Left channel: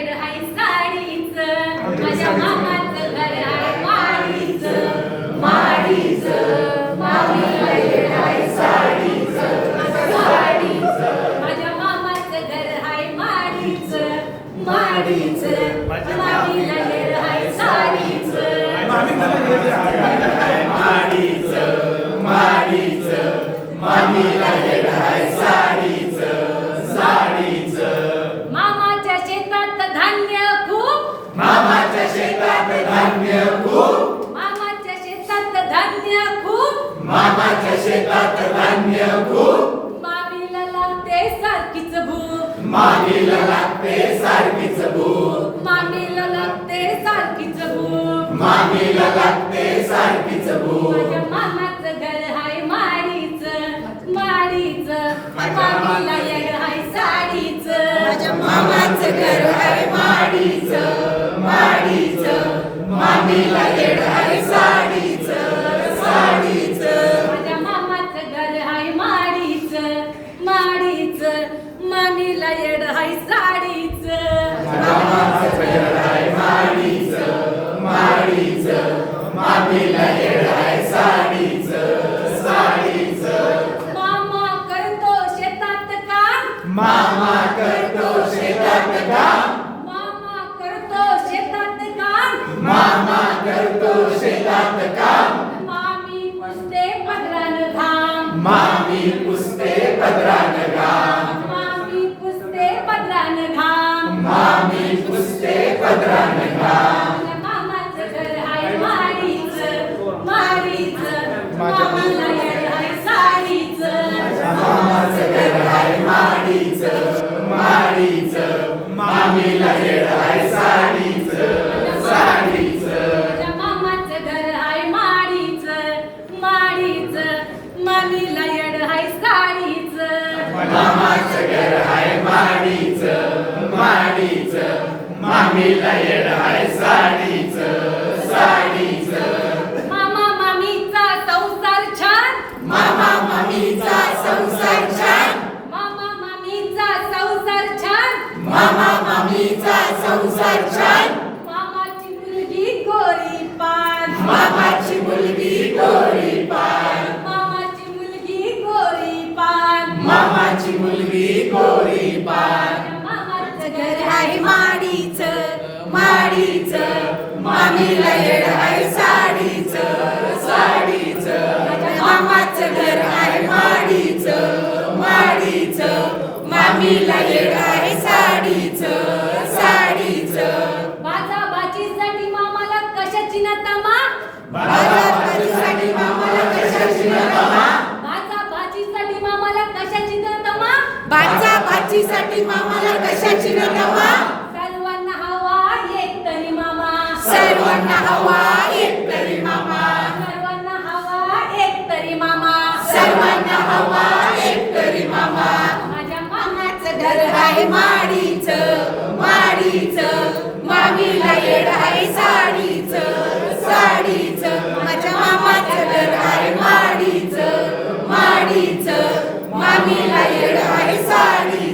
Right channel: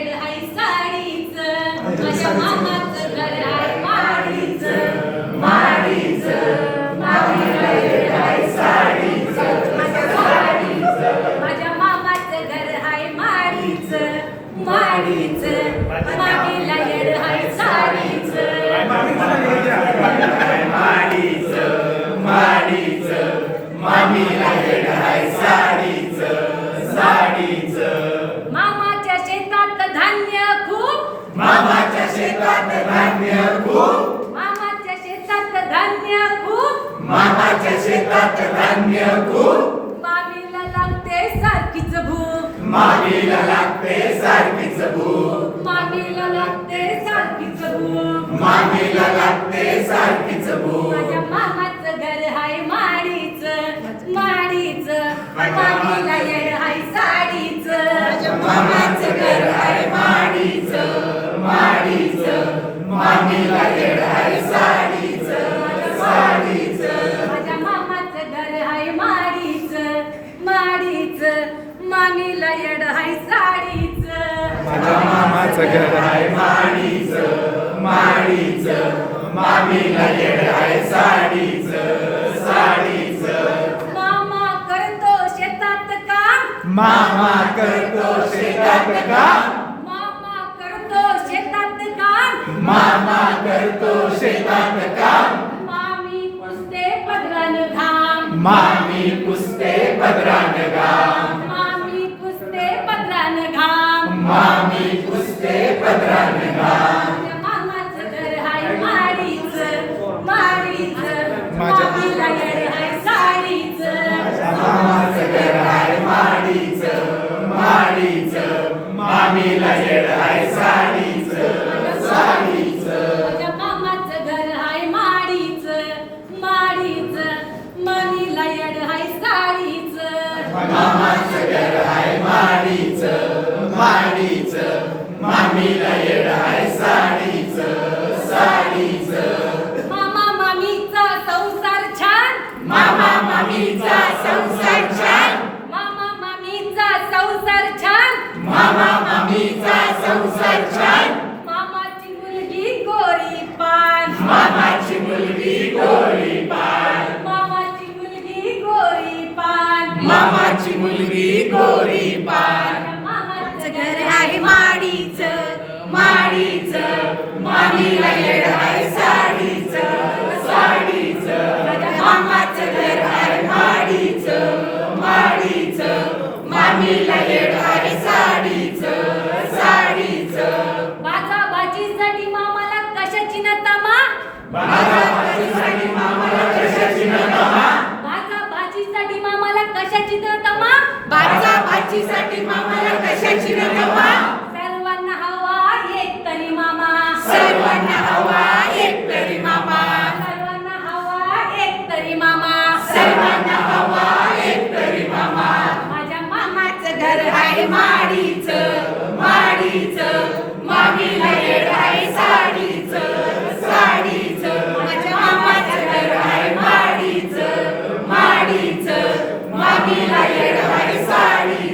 येड हाय साडीच माझ्या मामाचं घर आहे माडीच. माडीच मामी येड हाय साडीच साडीच माझ्या मामाचं घर आहे माडीच. माडीच. मामीला येड हाय शेतात धान्य खूप. मामाच्या शेतात धान्य खूप. मामाच्या शेतात धान्य खूप. मामीला लागते सारखीच भूक. मामीला लागते सारखीच भूक. मामीला लागते सारखीच भूक. मामीला लागते सारखीच येड हाय साडीच. मामाचं घर आहे माडीच माडीच. मामीला येड आहे साडीच साडीच. मामा करतो शेतात काम. मामा करतो शेतात काम. मामा करतो शेतात काम. मामा करतो शेतात काम. मामी पुसते पदरान घाम. मामी पुसते पदरान मामीला येड आहे साडीच साडीच माझ्या मामाचं घर हाय माडीच माडीच. मामीला येड हाय साडीच मामाचं घर आहे माडीच माडीच. मामीला येड आहे साडीच साडीच मामा मामीचा संसार छान मामा मामीचा संसार छान मामा मामीचा संसार छान मामा मामीचा संसार छान मामाची मुलगी गोरी पान मामाची मुलगी गोरी पान मामाची मुलगी गोरी पान मामाची मुलगी गोरी पान मामाचं घर आहे माडीच. माडीच. मामीला येड आहे साडीच. साडीच मामाचं घर आहे माडीच. माडीच. मामीला येड भाजीसाठी मामाला कशाची न तमा? बारा भाजीसाठी मामाला कशाची नतमा भाजा भाजीसाठी मामाला कशाची न तमा? भाजा भाजीसाठी मामाला कशाची नतमा सर्वांना हवा एक तरी मामा. सर्वांना हवा एक तरी मामा. सर्वांना हवा एक तरी मामा. सर्वांना हवा एक तरी मामा. माझ्या मामाचं घर आहे माडीच माडीच मामीला familia y en la